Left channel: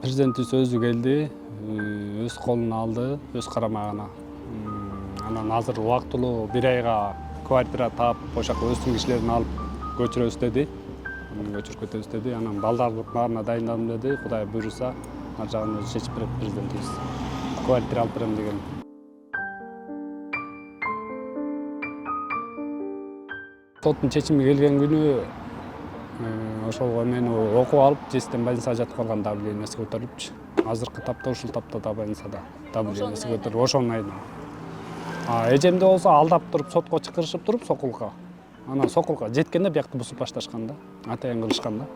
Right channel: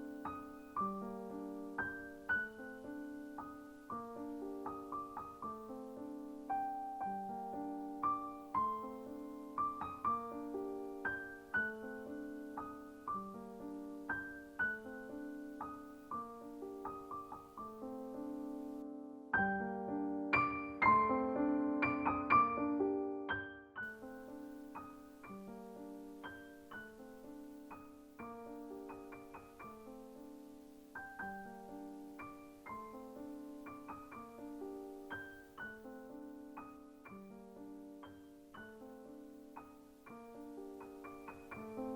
Президентибиз өзү келди, өз колуна алды, өз карамагына. Анан азыр убактылуу 1 айга квартира таап, ошол өздүн кишилерин алып көчүрөбүз деди. Көчүрүп кетебиз деди. Анан балдардын баарына дайындалдым деди. Кудай буйруса, ар жагын өзү чечип берет президентибиз. Квартира алып берем деген. Соттун чечими келген күнү ошол мени окуп алып, жестен больницага жатып калган давлениеси көтөрүлүпчү. Азыркы тапта ушул тапта да больницада давлениеси көтөрүлүп ошонун айынан. Эжемде болсо алдап туруп сотко чакырышып туруп сокулга. Анан сокулга жеткенде биякты бусуп башташкан да. Атайын кылышкан да.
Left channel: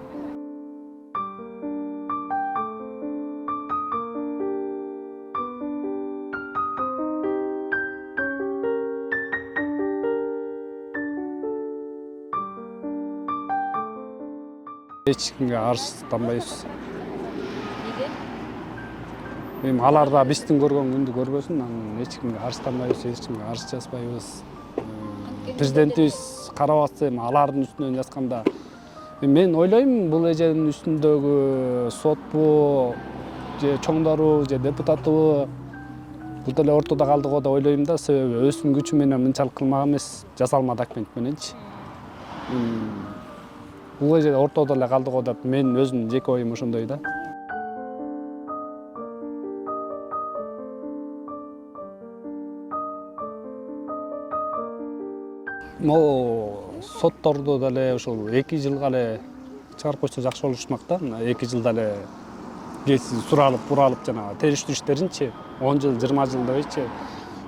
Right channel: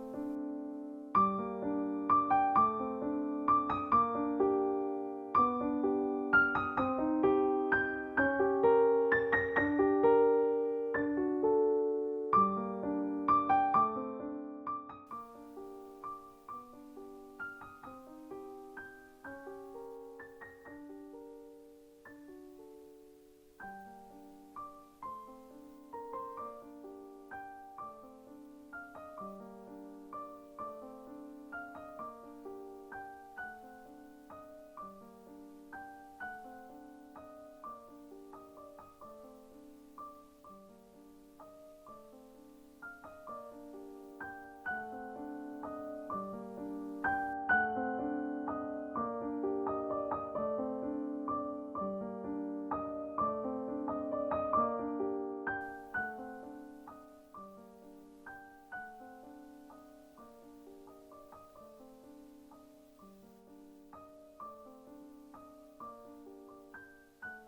Эч кимге арызданбайбыз. Эми алар да биздин көргөн күндү көрбөсүн, анан эч кимге арызданбайбыз, эч кимге арыз жазбайбыз. Президентибиз карап атса, эми алардын үстүнөн жазганда, мен ойлойм, бул эженин үстүндөгү сотпу, же чоңдору, же депутатыбы, бул деле ортодо калды го деп ойлойм да, себеби өзүнүн күчү менен мынчалык кылмак эмес, жасалма документ мененчи. Бул эже ортодо эле калды го деп мен өзүмдүн жеке оюм ошондой да. Могу сотторду деле ушул 2 жылга эле чыгарып койсо жакшы болушмак да. 2 жылда эле кеси суралып, буралып жанагы териштирүү иштеринчи 10 жыл, 20 жыл дебейчи.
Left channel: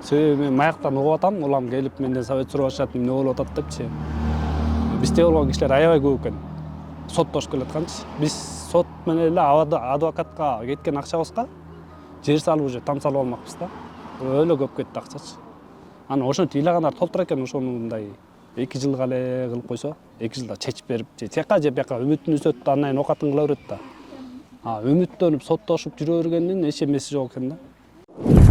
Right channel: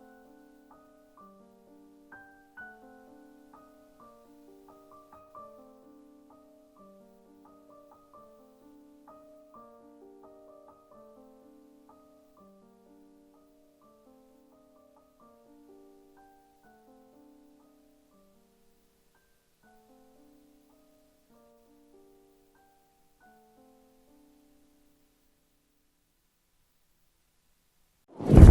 Себеби мен маяктан угуп атам, улам келип менден совет сурап атышат, эмне болуп атат депчи. Бизде болгон кишилер аябай көп экен. Соттошуп келатканчы. Биз сот менен эле адвокатка кеткен акчабызга жер салып уже там салып алмакпыз да. Өлө көп кетти акчачы. Анан ошентип ыйлагандар толтура экен, ошону мындай 2 жылга эле кылып койсо, 2 жылда чечип берип, же тияка же бияка үмүтүн үзөт да, андан кийин окатын кыла берет да. Үмүттөнүп соттошуп жүрө бергендин эч эмеси жок экен да.